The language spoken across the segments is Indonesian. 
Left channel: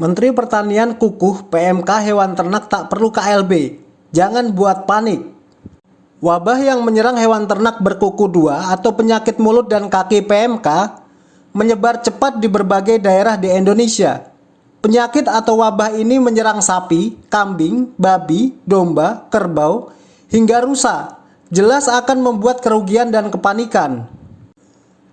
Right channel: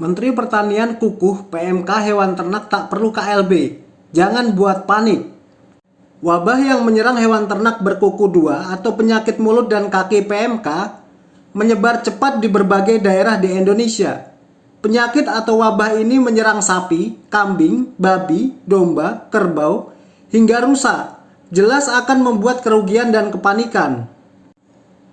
Menteri Pertanian kukuh PMK hewan ternak tak perlu KLB. Jangan buat panik. Wabah yang menyerang hewan ternak berkuku 2 atau penyakit mulut dan kaki PMK menyebar cepat di berbagai daerah di Indonesia. Penyakit atau wabah ini menyerang sapi, kambing, babi, domba, kerbau, hingga rusa. Jelas akan membuat kerugian dan kepanikan.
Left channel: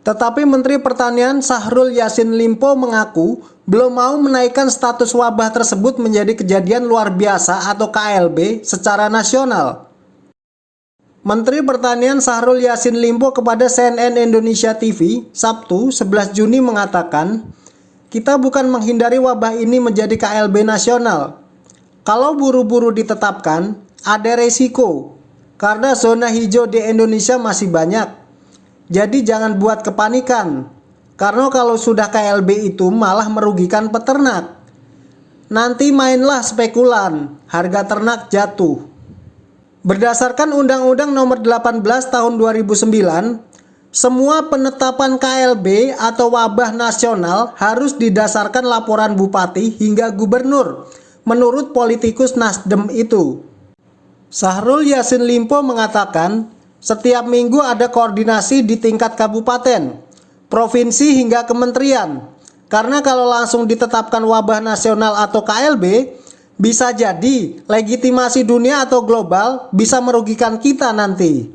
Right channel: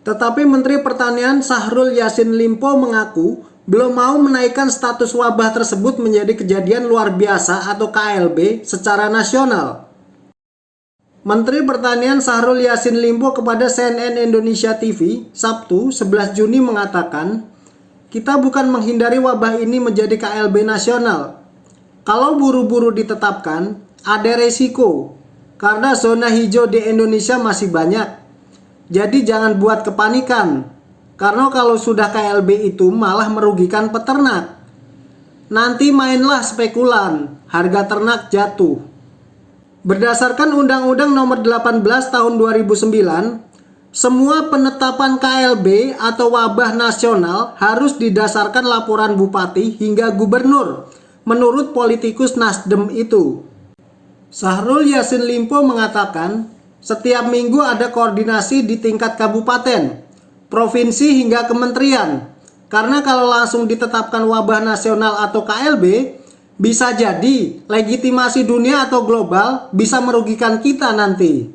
Tetapi Menteri Pertanian Syahrul Yassin Limpo mengaku belum mau menaikkan status wabah tersebut menjadi kejadian luar biasa atau KLB secara nasional. Menteri Pertanian Syahrul Yassin Limpo kepada CNN Indonesia TV Sabtu 11 Juni mengatakan, "Kita bukan menghindari wabah ini menjadi KLB nasional. Kalau buru-buru ditetapkan, ada resiko karena zona hijau di Indonesia masih banyak. Jadi jangan buat kepanikan. Karena kalau sudah KLB itu malah merugikan peternak. Nanti mainlah spekulan, harga ternak jatuh." Berdasarkan Undang-Undang Nomor 18 Tahun 2009, semua penetapan KLB atau wabah nasional harus didasarkan laporan bupati hingga gubernur, menurut politikus Nasdem itu. Syahrul Yassin Limpo mengatakan, setiap minggu ada koordinasi di tingkat kabupaten, provinsi hingga kementerian. Karena kalau langsung ditetapkan wabah nasional atau KLB, bisa jadi legitimasi dunia atau global bisa merugikan kita nanti.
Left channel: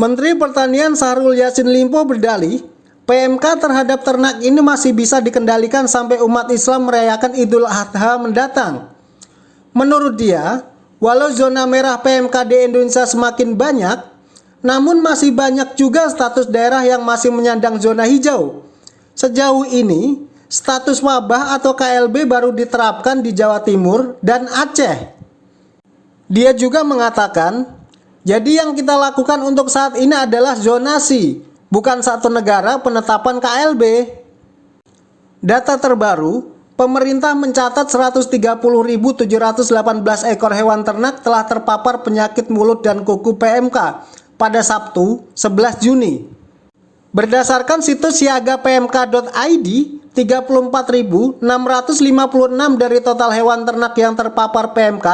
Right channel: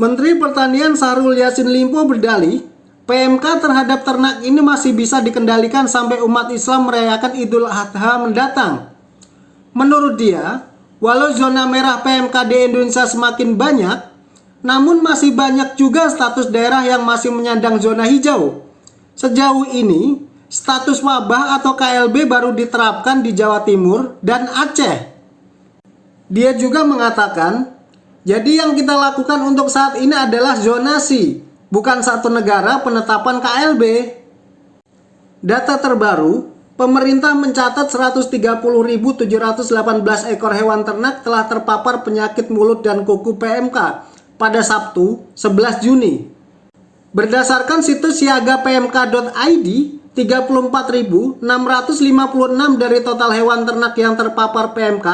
Menteri Pertanian Syahrul Yassin Limpo berdalih, PMK terhadap ternak ini masih bisa dikendalikan sampai umat Islam merayakan Idul Adha mendatang. Menurut dia, walau zona merah PMK di Indonesia semakin banyak, namun masih banyak juga status daerah yang masih menyandang zona hijau. Sejauh ini, status wabah atau KLB baru diterapkan di Jawa Timur dan Aceh. Dia juga mengatakan, jadi yang kita lakukan untuk saat ini adalah zonasi, bukan satu negara penetapan KLB. Data terbaru, pemerintah mencatat 130.718 ekor hewan ternak telah terpapar penyakit mulut dan kuku PMK pada Sabtu 11 Juni. Berdasarkan situs siagapmk.id, 34.656 dari total hewan ternak yang terpapar PMK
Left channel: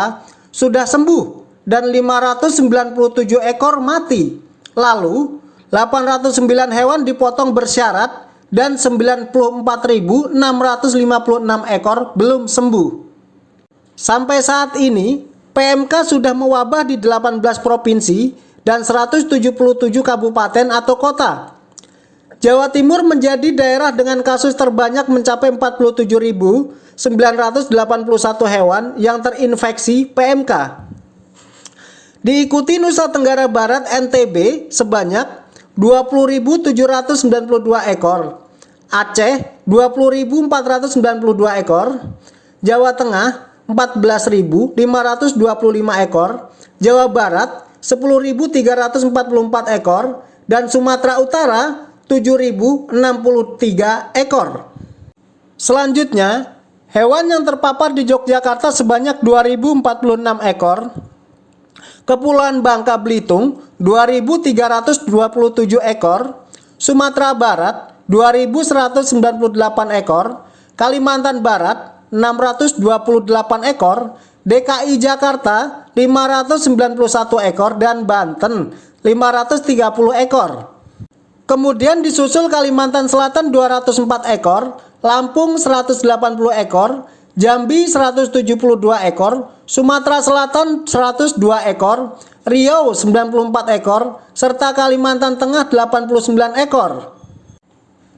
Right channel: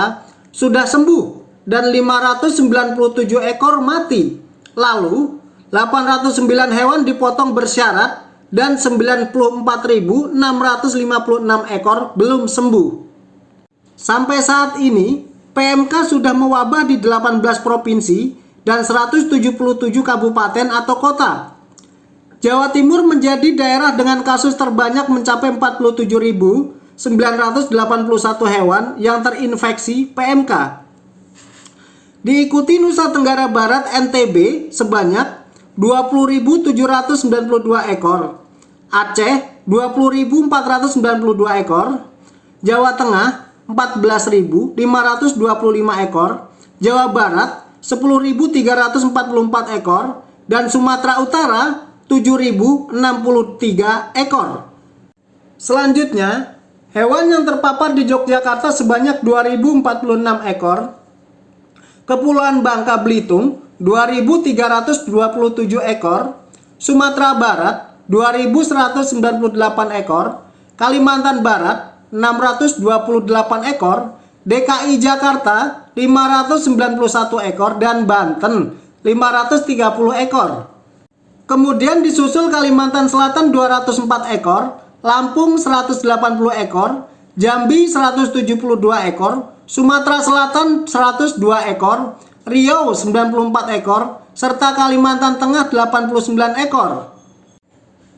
sudah sembuh dan 597 ekor mati. Lalu, 809 hewan dipotong bersyarat dan 94.656 ekor belum sembuh. Sampai saat ini, PMK sudah mewabah di 18 provinsi dan 177 kabupaten atau kota. Jawa Timur menjadi daerah dengan kasus terbanyak mencapai 47.981 hewan yang terinfeksi PMK. Diikuti Nusa Tenggara Barat NTB sebanyak 20.792 ekor, Aceh 20.492 ekor, Jawa Tengah 14.525 ekor, Jawa Barat 10.344 ekor, dan Sumatera Utara 7.063 ekor. Selanjutnya, hewan yang terpapar di Yogyakarta sebanyak 2.046 ekor, Kepulauan Bangka Belitung 2.327 ekor, Sumatera Barat 2.198 ekor, Kalimantan Barat 628 ekor, DKI Jakarta 591 ekor, dan Banten 530 ekor. Kemudian disusul Kalimantan Selatan 204 ekor, Lampung 180 ekor, Jambi 172 ekor, Sumatera Selatan 102 ekor, Riau 94 ekor, serta Kalimantan Tengah 89 ekor.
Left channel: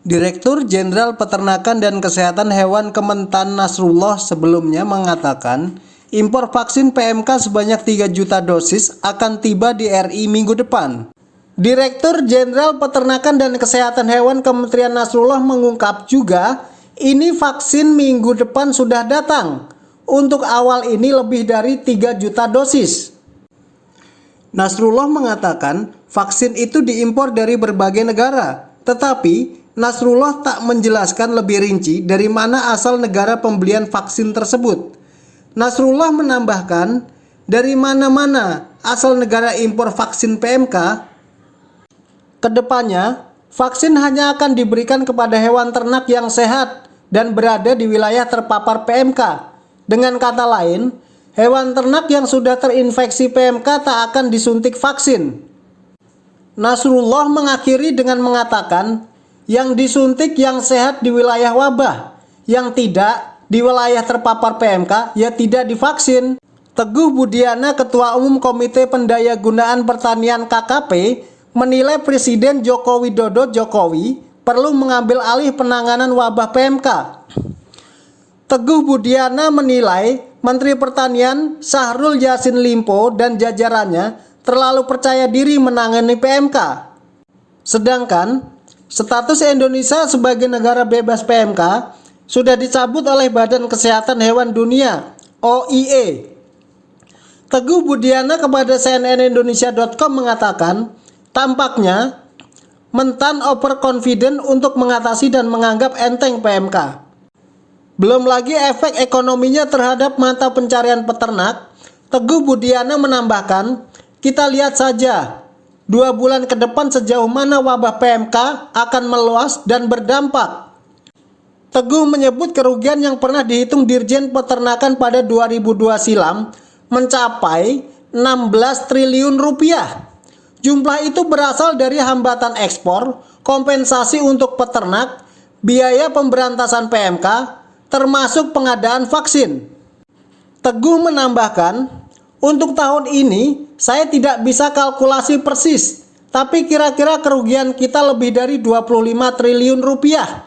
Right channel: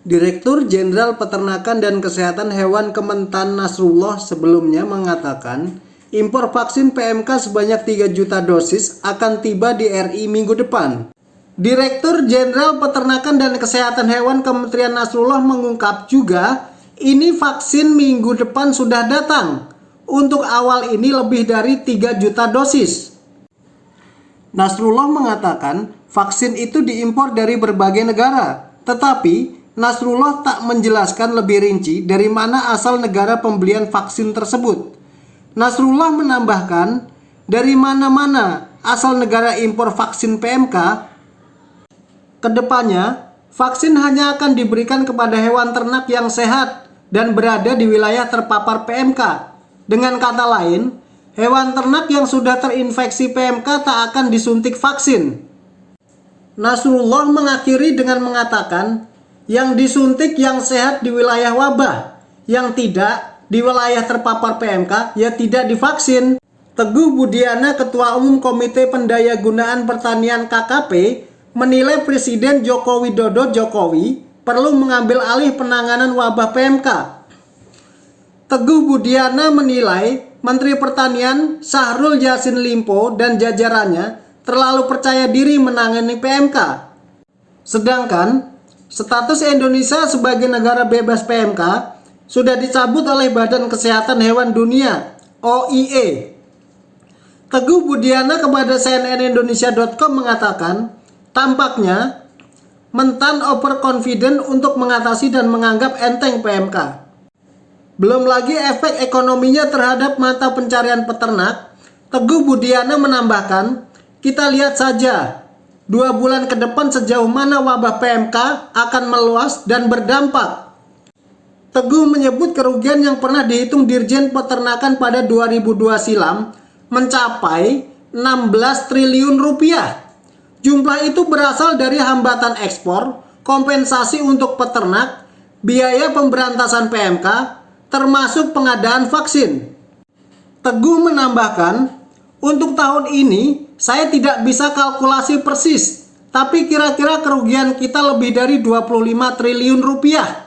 Direktur Jenderal Peternakan dan Kesehatan Hewan Kementan Nasrullah sebelumnya mengatakan, impor vaksin PMK sebanyak 3 juta dosis akan tiba di RI minggu depan. Direktur Jenderal Peternakan dan Kesehatan Hewan Kementerian Nasrullah mengungkap juga, ini vaksin minggu depan sudah datang. Untuk awal ini lebih dari 3 juta dosis. Nasrullah mengatakan, vaksin itu diimpor dari berbagai negara. Tetapi, Nasrullah tak menjelaskan lebih rinci dari mana asal negara pembelian vaksin tersebut. Nasrullah menambahkan, dari mana-mana asal negara impor vaksin PMK. Kedepannya, vaksin hanya akan diberikan kepada hewan ternak yang sehat dan berada di wilayah terpapar PMK. Dengan kata lain, hewan ternak yang sudah terinfeksi PMK tak akan disuntik vaksin. Nasrullah mengakhiri dengan mengatakan, yang disuntik yang sehat di wilayah wabah, yang tidak di wilayah terpapar PMK ya tidak divaksin. Teguh Budiana, Ketua Umum Komite Pendayagunaan Pertanian KKP, menilai Presiden Joko Widodo perlu mengambil alih penanganan wabah PMK. Teguh Budiana menilai Menteri Pertanian Syahrul Yassin Limpo dan jajarannya terlalu percaya diri menangani PMK. Sedangkan status Indonesia sebagai negara bebas PMK sudah dicabut oleh Badan Kesehatan Hewan Dunia (OIE). Teguh Budiana kepada cnnindonesia.com mengatakan, tampaknya Mentan overconfident untuk mengatasi dan menganggap enteng PMK. Belum lagi efek ekonominya terhadap mata pencarian peternak. Teguh Budiana menambahkan, kita lihat saja 2 bulan ke depan sejauh mana wabah PMK akan meluas dan berdampak. Teguh menyebut kerugian yang pernah dihitung Dirjen Peternakan pada 2002 silam mencapai 16 triliun rupiah. Jumlah itu berasal dari hambatan ekspor, kompensasi untuk peternak, biaya pemberantasan PMK, termasuk pengadaan vaksin. Teguh menambahkan, untuk tahun ini saya tidak bisa kalkulasi persis, tapi kira-kira kerugian kita lebih dari 25 triliun rupiah.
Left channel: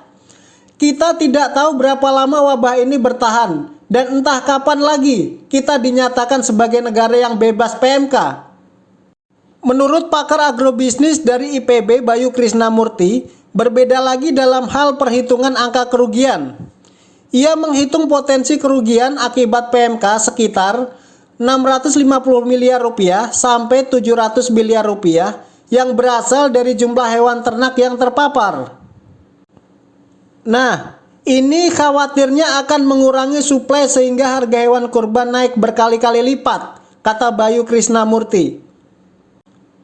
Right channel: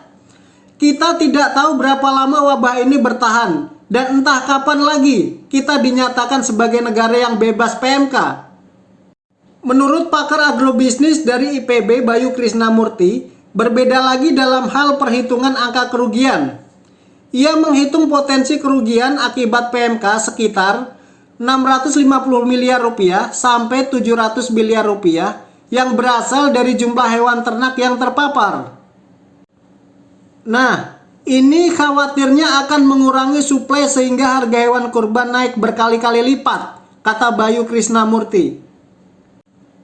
Kita tidak tahu berapa lama wabah ini bertahan, dan entah kapan lagi kita dinyatakan sebagai negara yang bebas PMK. Menurut pakar agrobisnis dari IPB Bayu Krisnamurti, berbeda lagi dalam hal perhitungan angka kerugian. Ia menghitung potensi kerugian akibat PMK sekitar 650 miliar rupiah sampai 700 miliar rupiah yang berasal dari jumlah hewan ternak yang terpapar. Nah, ini khawatirnya akan mengurangi suplai sehingga harga hewan kurban naik berkali-kali lipat, kata Bayu Krisnamurti.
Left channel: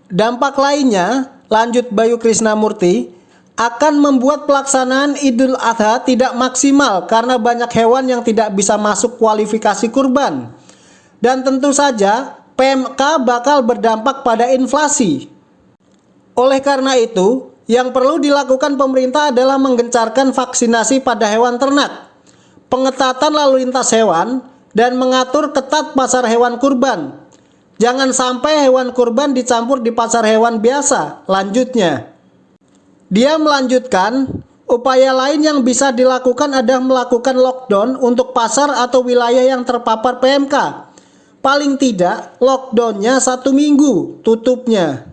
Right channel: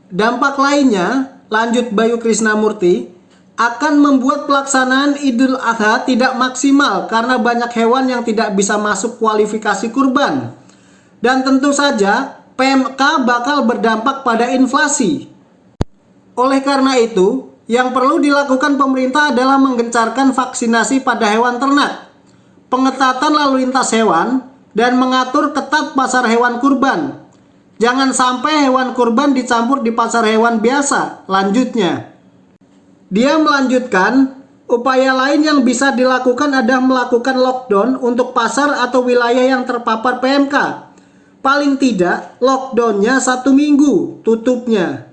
Dampak lainnya, lanjut Bayu Krisnamurti, akan membuat pelaksanaan Idul Adha tidak maksimal karena banyak hewan yang tidak bisa masuk kualifikasi kurban. Dan tentu saja, PMK bakal berdampak pada inflasi. Oleh karena itu, yang perlu dilakukan pemerintah adalah menggencarkan vaksinasi pada hewan ternak, pengetatan lalu lintas hewan, dan mengatur ketat pasar hewan kurban. Jangan sampai hewan kurban dicampur di pasar hewan biasa, lanjutnya. Dia melanjutkan, upaya lain yang bisa dilakukan adalah melakukan lockdown untuk pasar atau wilayah yang terpapar PMK. Paling tidak, lockdownnya 1 minggu, tutupnya.